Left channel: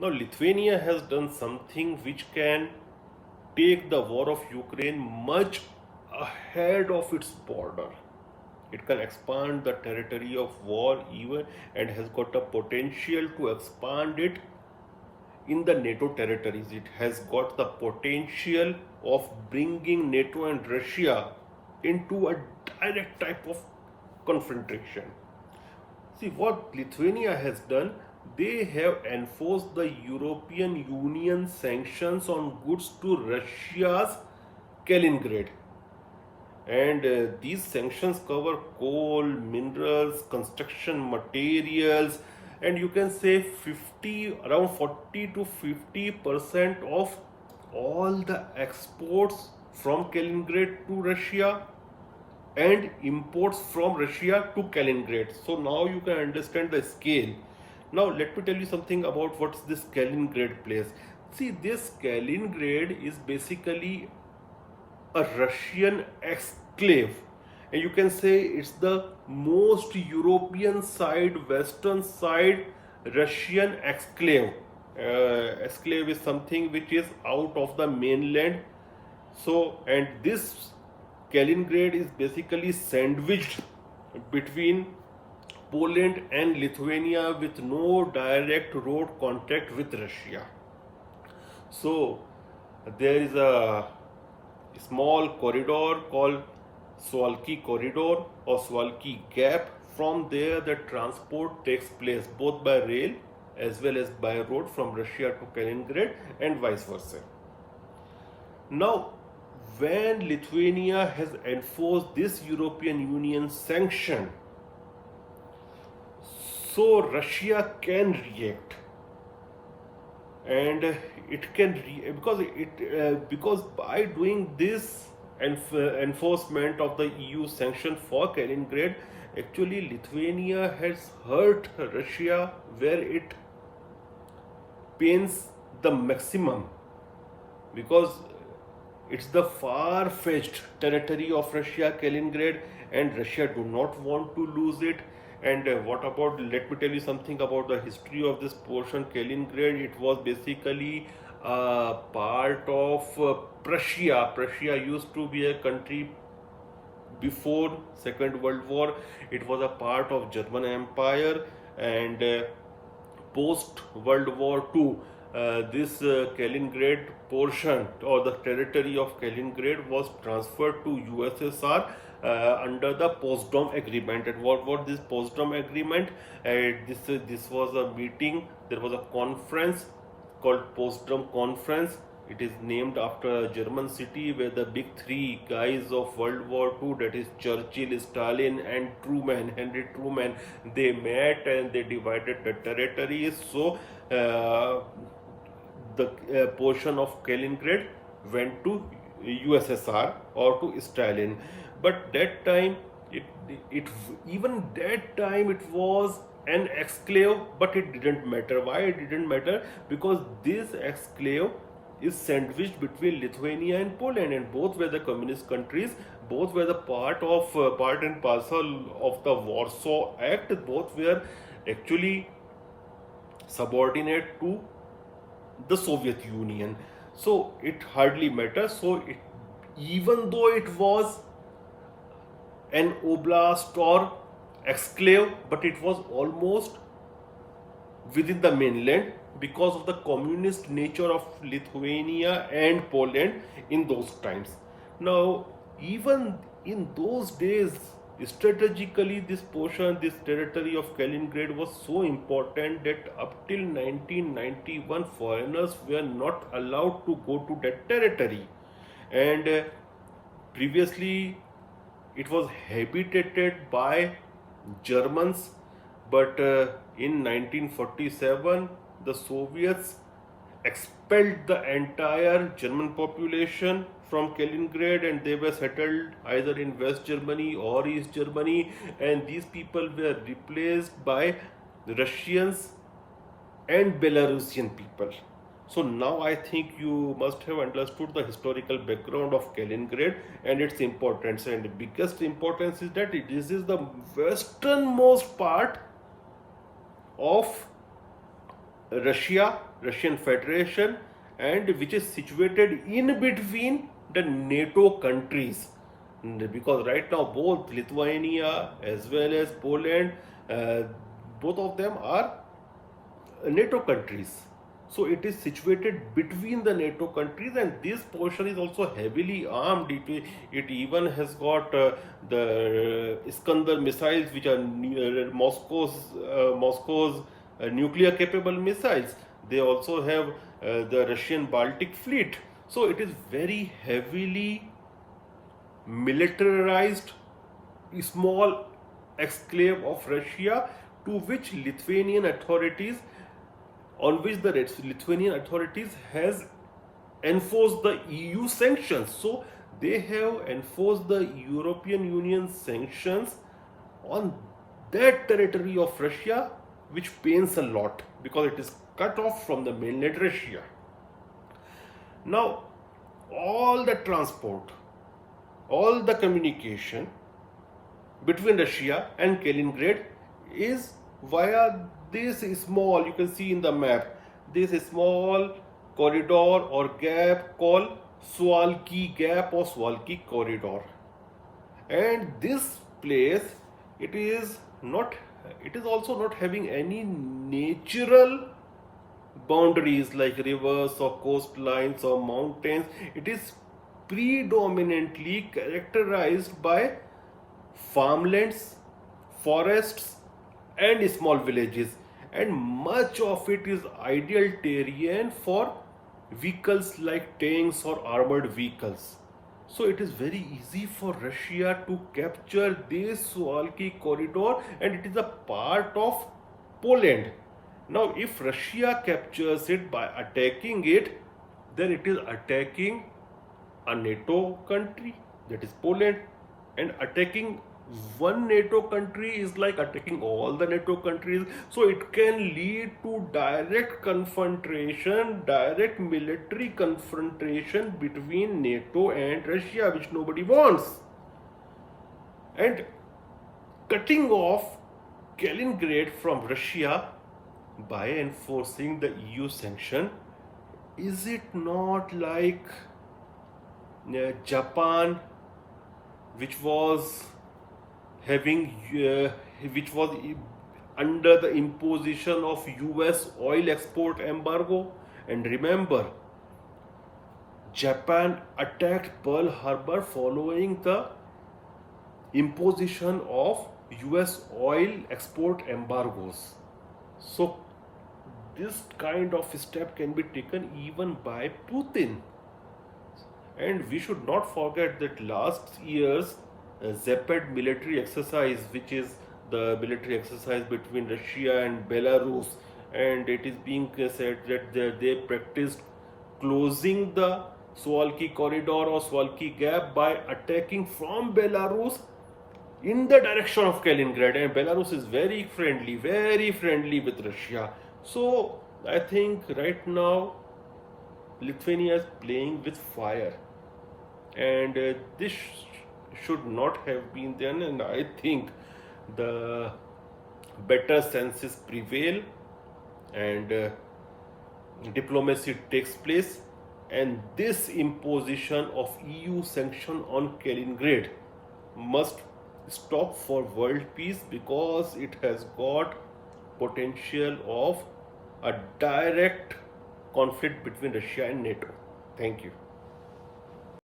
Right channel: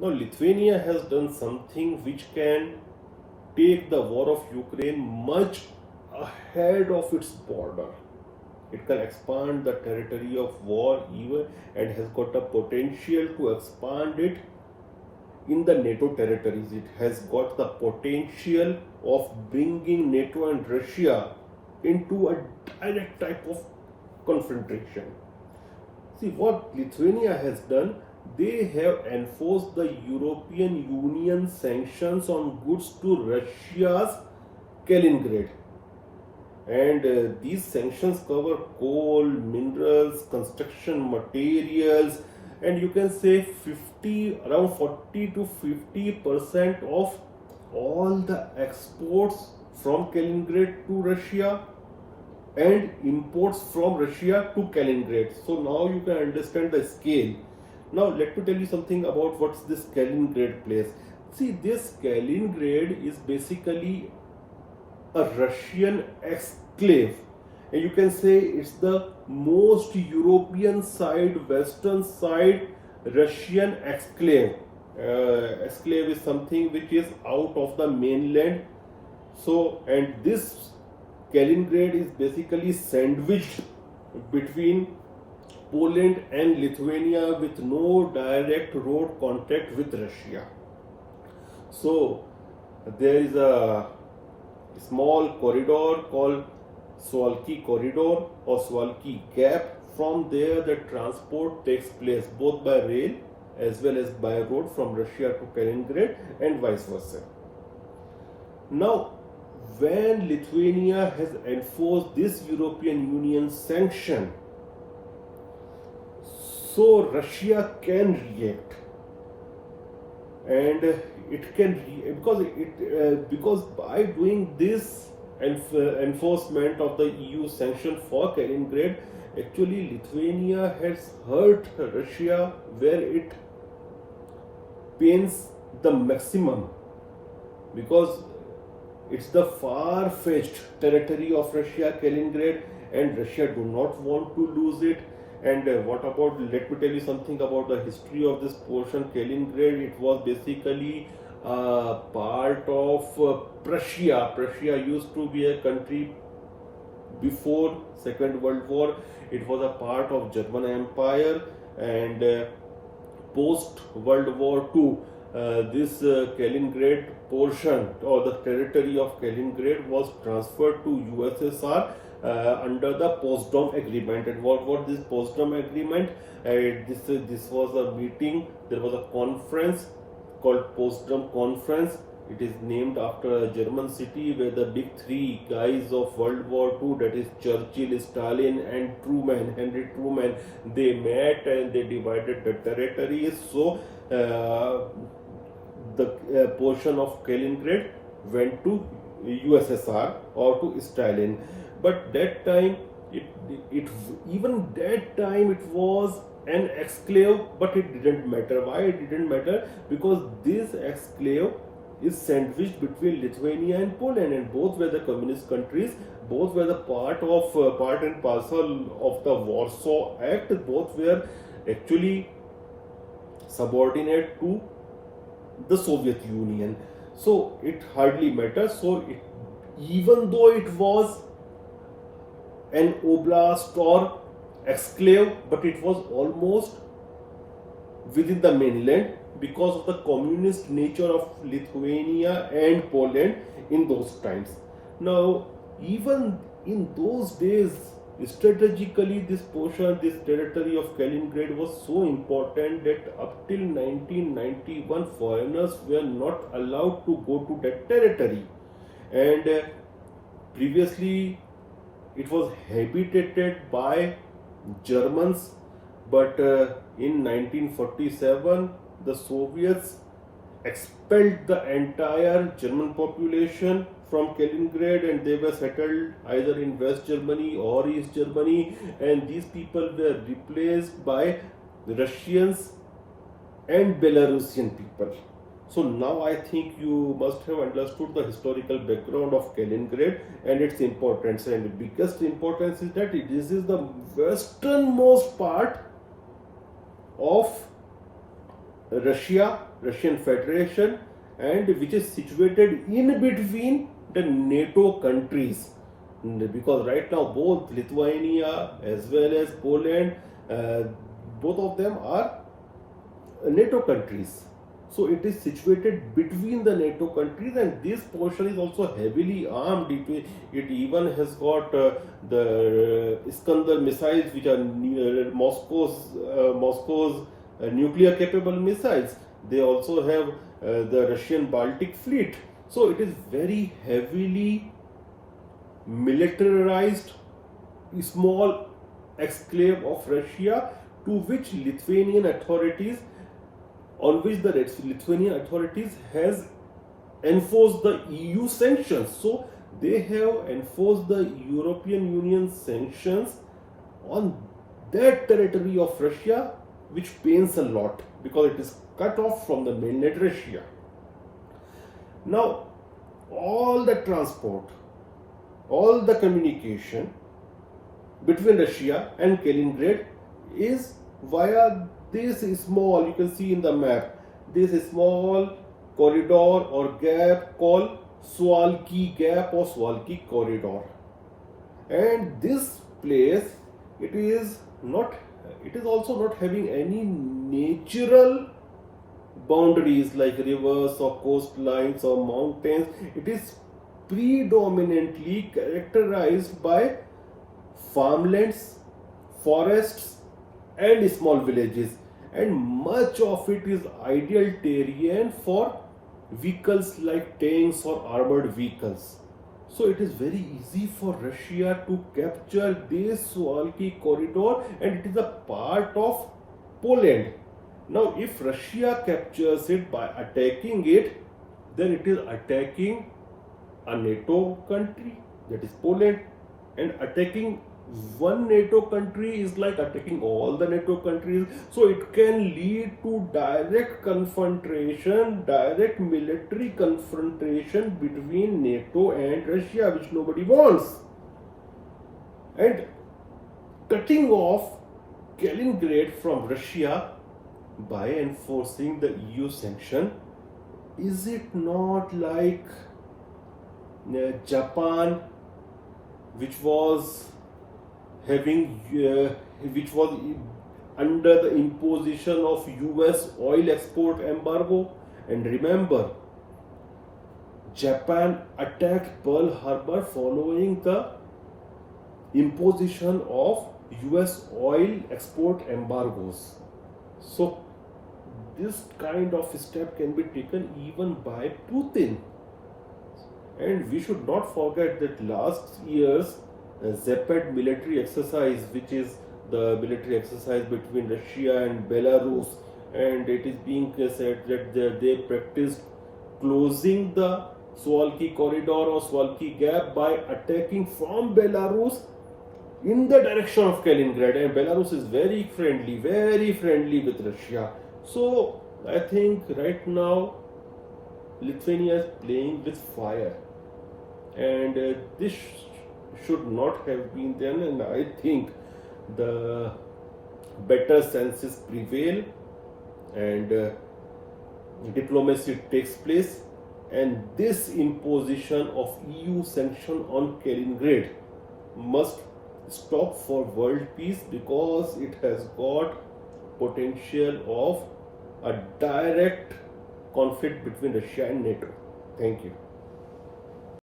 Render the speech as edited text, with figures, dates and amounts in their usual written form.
Now, Lithuania has done something which can take the war of Ukraine much ahead of its border. It can expand the territory of war even and has got the potential to expand it in the NATO territories. It has got the potential of bringing NATO and Russia into a direct type of confrontation. See what Lithuania has done, they have enforced the European Union sanctions on goods to Russia's Kaliningrad. And these sanctions cover coal, minerals, construction materials, and you can say 50, around 40 to 50% of all the exports from Kaliningrad to Russia and imports from Russia to Kaliningrad. So now you can understand the scale. Now let me tell you something about what's this Kaliningrad place. See, this Kaliningrad is basically a Russian exclave. And you can say it's the most European side, Western side Russian exclave. Exclave is something which is out of the mainland. So, and this Kaliningrad is basically sandwiched between Poland and Lithuania with no direct road contact with Russia. So, there is a small corridor called Suwalki Corridor or Suwalki Gap. From there, the transport takes place both by rail as well as by road from Russia to Kaliningrad and vice versa. Now, when Lithuania has enforced this European Union sanction, so Russia can react, and it can because by doing this enforcement of the EU sanction for Kaliningrad, actually Lithuania has hurt Russia where it pains the maximum, because it's the far-fetched territory of Russia, Kaliningrad, and Russia do not want to lose it. And what about, let me tell you something about the history of this portion, Kaliningrad. It was basically part of Prussia. Prussia used to be a country before Second World War. It was a part of German Empire, and post World War II, this Kaliningrad portion or the territory of Kaliningrad was transferred to USSR under the Potsdam Agreement. And what this Potsdam Agreement? This was a meeting. There was a conference called Potsdam Conference. It is named after a German city where the big three guys of World War II, that is Churchill, Stalin, and Truman, Henry Truman, they met and they divided the territories. So the portion of Kaliningrad went to USSR or to Stalin. But that time, it even that time it was an exclave, but it didn't matter. Why it didn't matter? Because this exclave is sandwiched between Lithuania and Poland, and both were the communist countries. Both were the part and parcel of the Warsaw Act. Both were actually subordinate to the Soviet Union. So it hardly matters. Even though it was an oblast or exclave, but it was almost within the mainland because of the communist nature of Lithuania and Poland in those times. Now, even in those days, strategically, this portion, this territory of Kaliningrad was so important that up till 1991, foreigners were not allowed to go to that territory. And previously, it was habitated by Germans, but in 1947 the Soviets expelled the entire German population from Kaliningrad, and they were settled either in West Germany or East Germany, and these people were replaced by Russians and Belarusian people. So now I think you must have understood the historical background of Kaliningrad and its importance. And the biggest importance is that this is the westernmost part of Russia, Russian Federation, and which is situated in between the NATO countries. Because right now both Lithuania as well as Poland, both of them are NATO countries. So it is situated between the NATO countries, and this portion is also heavily armed. It even has got the Iskander missiles, which are Moscow's nuclear capable missiles. They also have the Russian Baltic fleet. So it is very heavily militarized small exclave of Russia, to which Lithuanian authorities on which the Lithuanian authorities has enforced the EU sanctions. So they have enforced the European Union sanctions on that territory of Russia, which pains a lot because it is cut off from the mainland Russia. Now, all the transport, all the communication between Russia and Kaliningrad is via this small, you can see in the map, this small corridor or gap called Suwalki Gap or Suwalki Corridor. And this place, it is also not having any natural boundaries like rivers or coastlines or mountains. It is predominantly characterized by farmlands, forests, and small villages, and much of it is ideal terrain for vehicles like tanks or armored vehicles. So it is very easy for Russia to capture this Suwalki corridor, and it is a part of Poland. Now, if Russia captures it by attacking it, then it is attacking a NATO country, that is Poland, and attacking one NATO country is like attacking all the NATO countries. So it can lead to direct confrontation, direct military confrontation between NATO and Russia, which nobody wants. And cutting off Kaliningrad from Russia by enforcing the EU sanction, is it not like Japan, which was under the imposition of US oil export embargo? And remember, Japan attacked Pearl Harbor following the imposition of US oil export embargoes. So this kind of step can be taken even by Putin. And we should not forget that last year's Zapad military exercise, which is the military exercise between Russia and Belarus, and it is being said that they practiced closing the Suwalki corridor or Suwalki gap by attacking from Belarus in the direction of Kaliningrad, and Belarus is very friendly with Russia. So I think right now Lithuania is playing with fire, and this should not have been done, and I think the better senses prevail and diplomacy takes place, and this imposition of EU sanction on Kaliningrad must stop for world peace, because it has got potential of a direct conflict between Russia and NATO. Thank you.